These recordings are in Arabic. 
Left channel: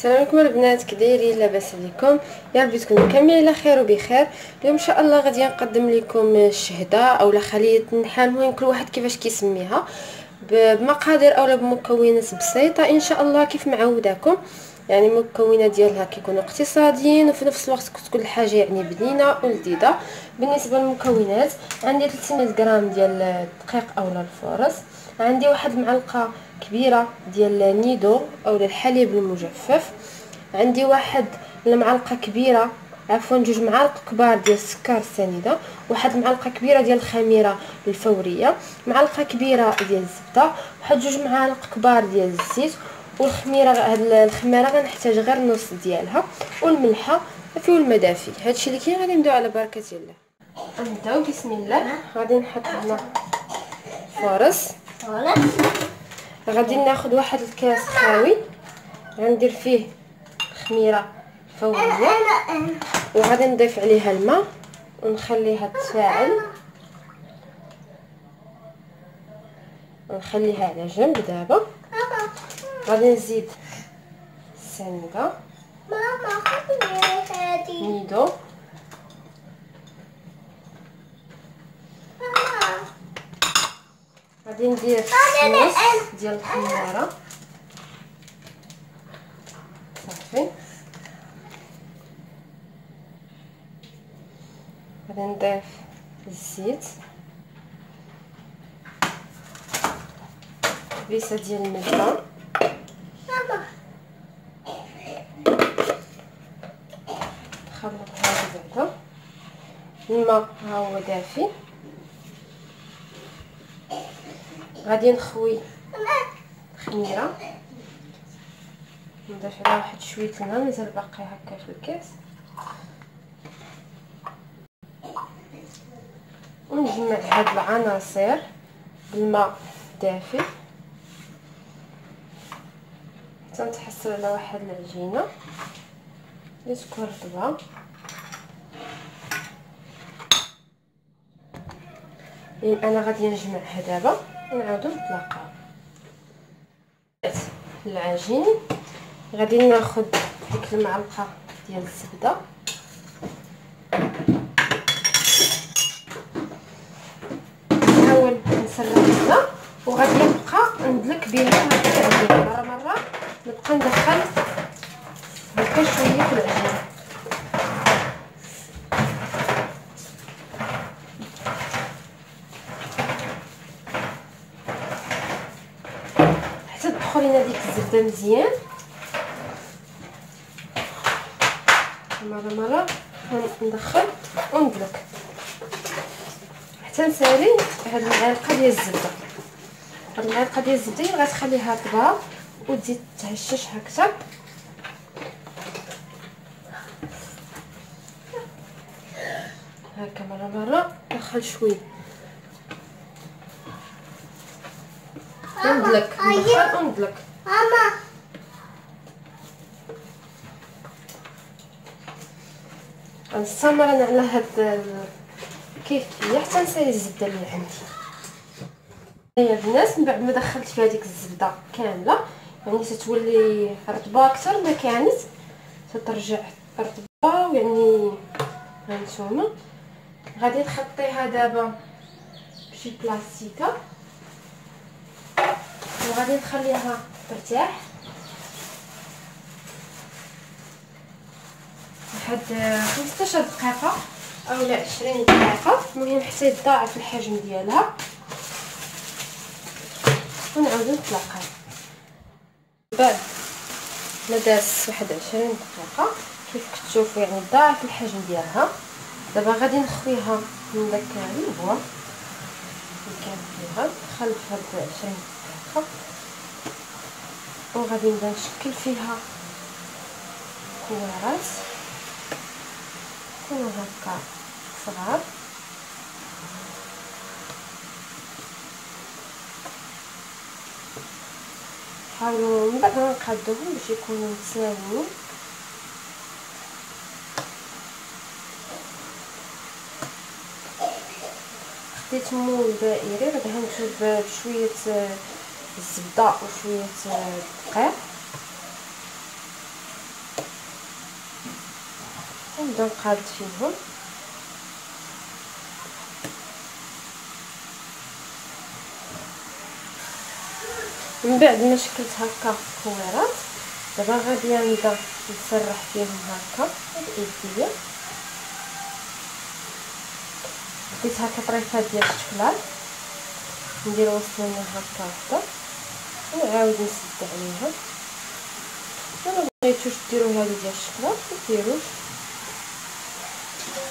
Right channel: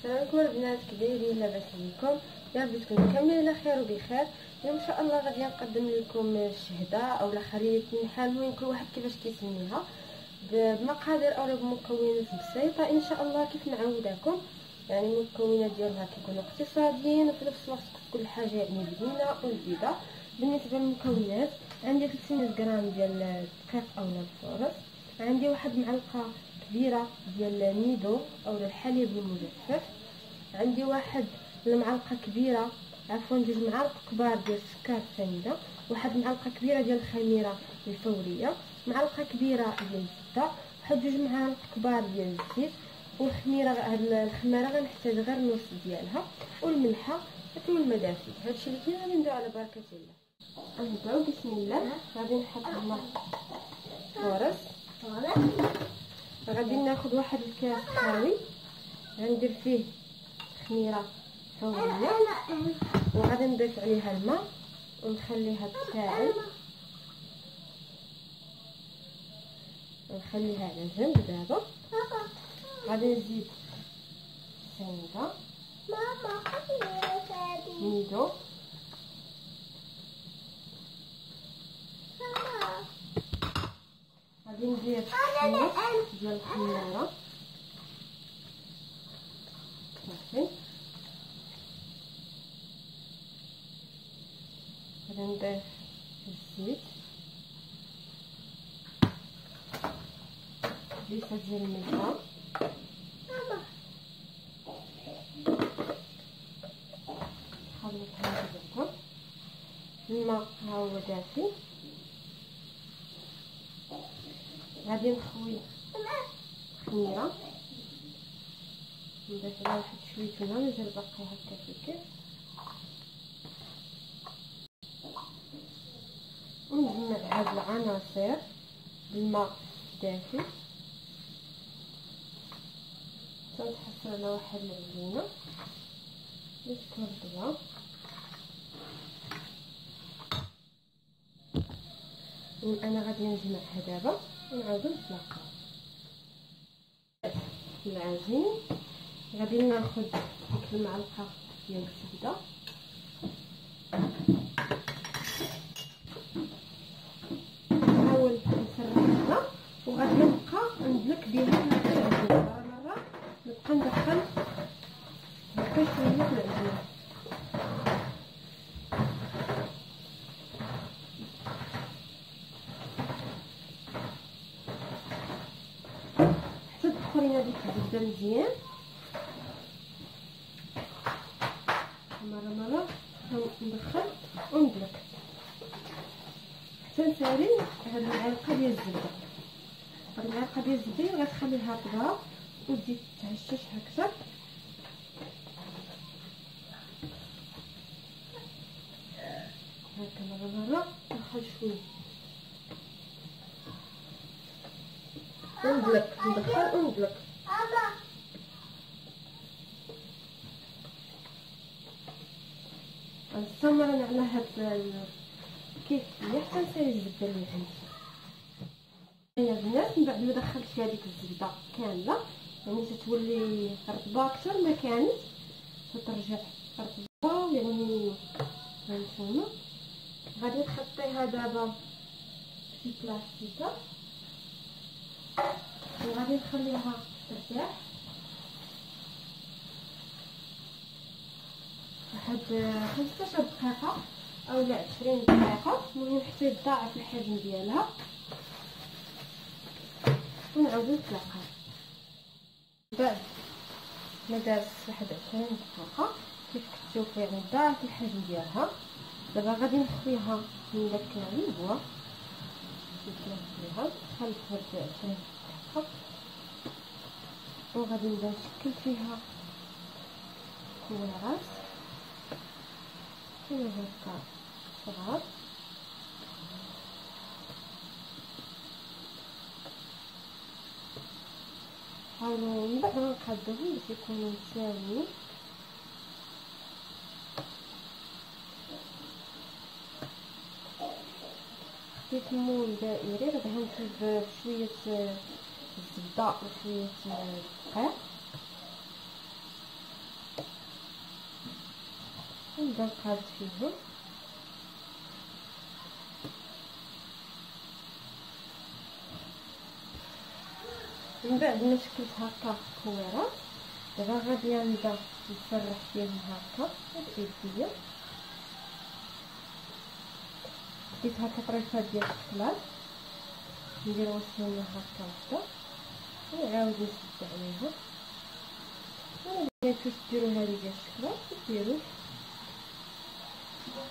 السلام عليكم البنات، كي دايرين؟ لاباس عليكم؟ يا ربي تكونوا كاملين على خير وبخير. اليوم ان شاء الله غادي نقدم لكم الشهده اولا خليه النحال، المهم كل واحد كيفاش كيسميها، بمقادير اولا بمكونات بسيطه ان شاء الله كيف معوداكم. يعني المكونات ديالها كيكونوا اقتصاديين وفي نفس الوقت كتكون الحاجه يعني بنينه ولذيذه. بالنسبه للمكونات عندي 300 غرام ديال الدقيق اولا الفورص، عندي واحد المعلقه كبيره ديال نيدو اولا الحليب المجفف، عندي واحد المعلقه كبيره جوج معالق كبار ديال السكر السنيده، واحد المعلقه كبيره ديال الخميره الفوريه، معلقه كبيره ديال الزبده، واحد جوج معالق كبار ديال الزيت، والخميره هاد الخميره غنحتاج غير نص ديالها، والملحه دافي والماء دافي. هادشي اللي كاين. غادي نبداو على بركه الله. غنبداو بسم الله. غادي نحط هنا فرص، غادي ناخذ واحد الكاس خاوي غندير فيه خميره فوريه، وغادي نضيف عليها الماء ونخليها تفاعل ونخليها على جنب. دابا غادي نزيد السنيده نيدو، غادي ندير نص ديال الخميره صافي، غادي نضيف الزيت، بيسه ديال النشا، نخلطها بعدا. الماء ها هو دافي، غادي نخوي الخميره نضيف عليها واحد شويه الماء، مازال باقي هكا في الكاس، ونجمع هاد العناصر بالماء دافي حتى نتحصل على واحد العجينه اللي تكون رطبه. انا غادي نجمعها دابا ونعاودو نتلاقاو. العجين غادي ناخذ ديك المعلقه ديال الزبده، نحاول نسرحها وغادي نبقى ندلك بها مره مره، نبقى ندخل هكا شويه في العجين حتى تدخل لنا ديك الزبده مزيان. مره ندخل وندلك حتى نسالي هاد المعلقه ديال الزبده. هاد المعلقه ديال الزبده هي غتخليها طباب وتزيد تهشش اكثر. هكا مره ندخل شويه وندلك، ندخل وندلك. غنستمر انا على هاد الكيفيه حتى نسالي الزبده اللي عندي. هيا البنات، من بعد ما دخلت فيها ديك الزبده كامله يعني تتولي رطبه اكثر ما كانت، تترجع رطبه يعني. هانتوما غادي نخطيها دابا بشي بلاستيكه وغادي نخليها ترتاح واحد 15 دقيقه اولا 20 دقيقه، المهم حتى يتضاعف الحجم ديالها ونعاودو نتلاقاو. بعد ما داز واحد 20 دقيقه كيف كتشوفوا يعني ضاعف الحجم ديالها. دابا غادي نخويها من داك البوا اللي كان فيها، نخلط هاد 20 دقيقه وغادي نبدا نشكل فيها كوارات يكونوا هكا صغار. حاولوا من بعد نقادوهم باش يكونوا متساويين. خديت مول دائري غادي نجيب بشويه الزبده وشويه الدقيق ونبدا نقاد فيهم. من بعد ما شكلت هكا الكويرات دابا غادي نبدا نسرح فيهم هكا بيديا. بديت هكا طريفات ديال الشكلاط ندير وسطهم هكا وحده ونعاود نسد عليها. الا بغيتوش ديروا هذه ديال الشكلاط ديروش.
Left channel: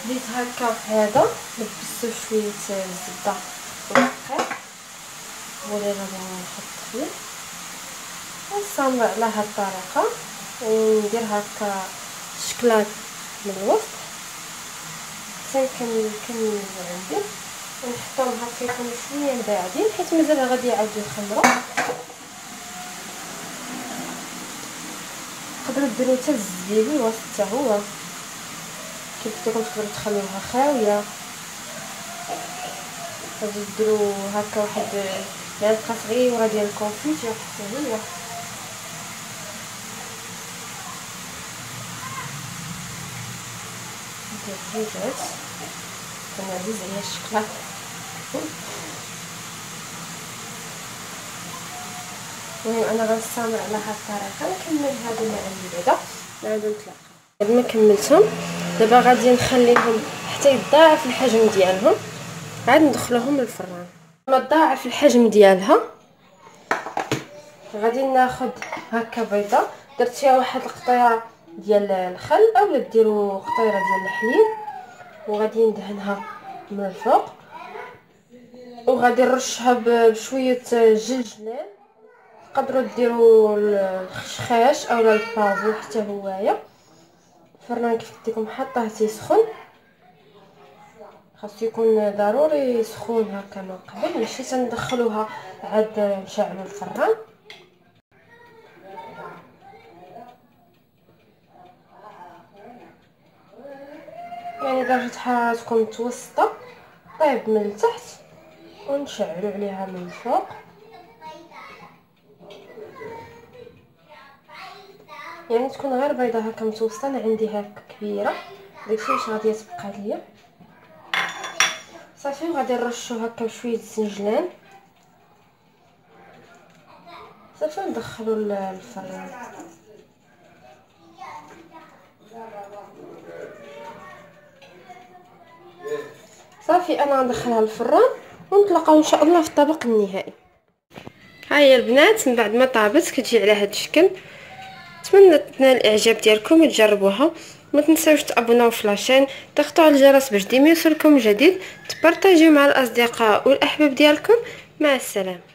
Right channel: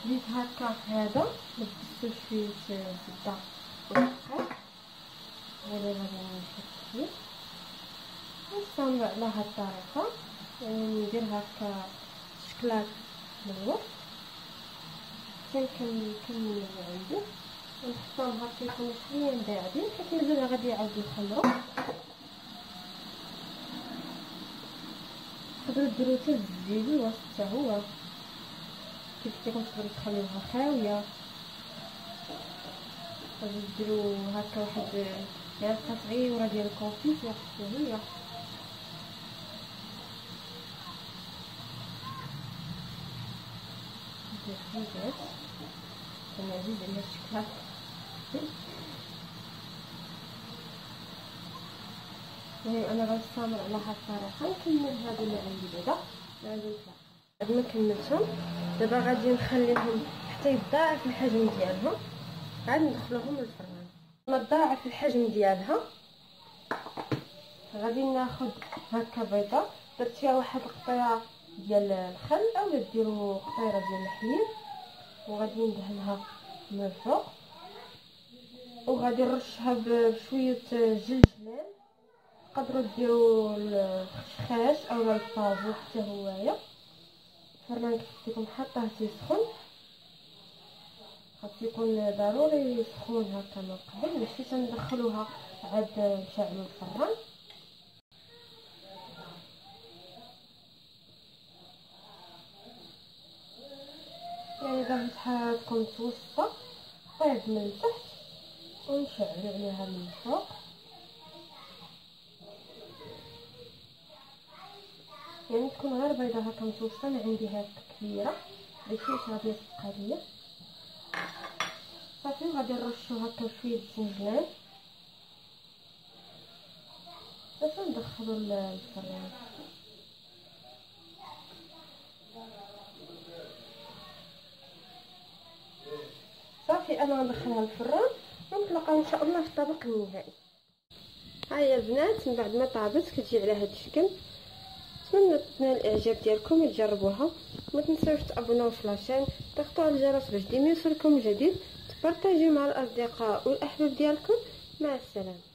بديت هكا هذا لبستو شويه الزبده ودقيق هو اللي غادي نحط فيه ونصامر على هاد الطريقه وندير هكا الشكلاط من الوسط حتى كنكمل عندي ونحطهم هكا يكونوا شويه باعدين حيت مازال غادي يعاودوا يخمروا. تقدروا ديروا حتى الزبيبي الوسط حتى هو كيف تكون تقدروا تخليوها خاويه. غادي ديروا هكا واحد معلقه صغيره ديال الكونفيتير حتى هي. الدجاجات كنعزز عليها الشكلاط. المهم انا غنستمر على هاد الطريقه نكمل هادو اللي عندي بعدا نعاودو نتلاقاو. بعد ما كملتهم دابا غادي نخليهم حتى يتضاعف الحجم ديالهم عاد ندخلوهم للفران. لما تضاعف الحجم ديالها غادي ناخذ هكا بيضه درت فيها واحد القطيره ديال الخل اولا ديروا قطيره ديال الحليب وغادي ندهنها من الفوق وغادي نرشها بشويه جنجلان. تقدروا ديروا الخشخاش اولا البافو حتى هوايا. الفران كيف قلت لكم حاطه تيسخن خاصو يكون ضروري سخون هكا من قبل ماشي تندخلوها عاد نشعلوا الفران. يعني درجه حرارتكم متوسطه طيب من التحت ونشعلوا عليها من الفوق. يعني تكون غير بيضه هكا متوسطه. انا عندي هكا كبيره داكشي واش غادي تبقى ليا صافي. وغادي نرشو هكا بشويه الزنجلان صافي ندخلو الفران. صافي انا غندخلها للفران ونتلاقاو ان شاء الله في الطبق النهائي. ها هي البنات من بعد ما طابت كتجي على هذا الشكل. نتمنى تنال الاعجاب ديالكم وتجربوها. ما تنساوش تابوناو في لاشين تضغطوا على الجرس باش ديما يوصلكم جديد. تبارطاجيو مع الاصدقاء والاحباب ديالكم. مع السلامه.